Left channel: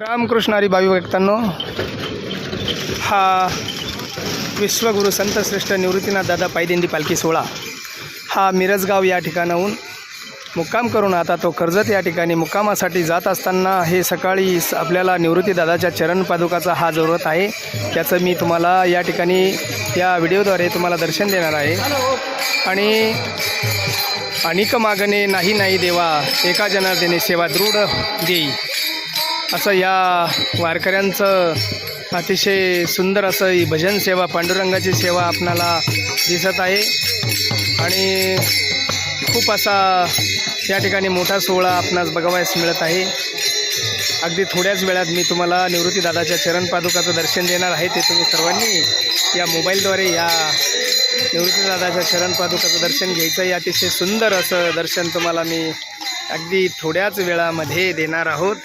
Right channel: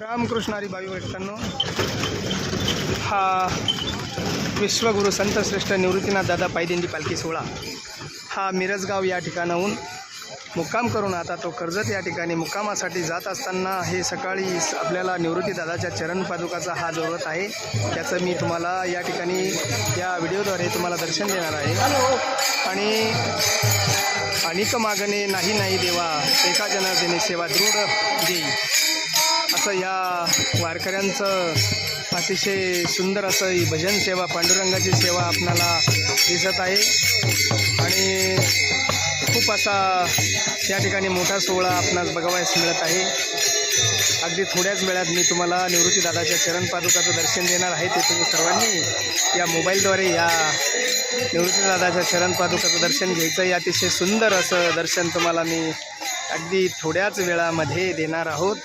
रामकृष्ण हरी भावी भक्तांनो, हा विश्वगुरु संतश्रेष्ठ निवृत्तीनाथ दादा पायदिंडी पालखी सोहळा हा मिरजगाव या ठिकाणाहून मुक्काम करून आता तो कर्जत या ठिकाणी मुक्कामासाठी जात असताना हे सकाळी आपल्याला निवृत्ती दादाच्या चरण पादुकाचा हा जरूरत आहे, त्याचं मी तुम्हाला या ठिकाणी या व्हिडिओद्वारे तुम्हाला दर्शन देणार आहे। आणि अनेक मागणे नाही देवा, एका जनार्दने सेवा दृढ देई, असं या वारकऱ्यांचं अतिशय सुंदर असं ही भजन सेवा, पांडुरंगाची सेवा आपणाला दिसत आहे। आणि खूप असा या ठिकाणी मोठा सोहळा आपणास बघावयास मिळत आहे। अगदी थोड्याच वेळात मी तुम्हाला निवृत्ती दादाच्या चरण पादुकाचं दर्शन देणार आहे, ते तुम्ही सर्वांनी या मोबाईलद्वारे या निवृत्ती दादाच्या चरण पादुकाचं दर्शन घ्यायचं आहे। अतिशय सुंदर असं दर्शन तुम्हाला मी अगदी थोड्याच वेळामध्ये देणार आहोत।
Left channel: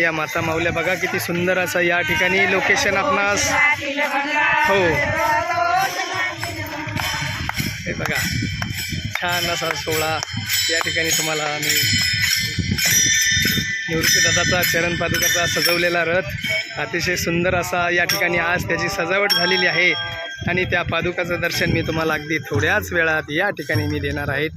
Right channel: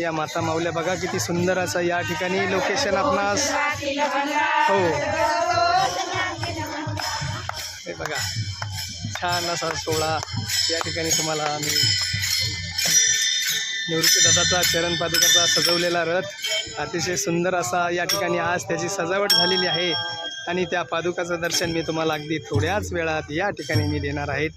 या माता माऊल्या बघा किती सुंदर असं या ठिकाणी लोकेशन आपणास हो हे बघा, छान असा सोहळा या ठिकाणी तुम्हाला मी निवृत्ती दादाचा चरण पादुकाचा सजवलेला रथ अतिशय सुंदर असा या ठिकाणी आज त्याची सजावट झालेली आहे आणि त्या पादुकाचं दर्शन मी तुम्हाला अगदी थोड्याच वेळात या ठिकाणी मी देणार आहेत।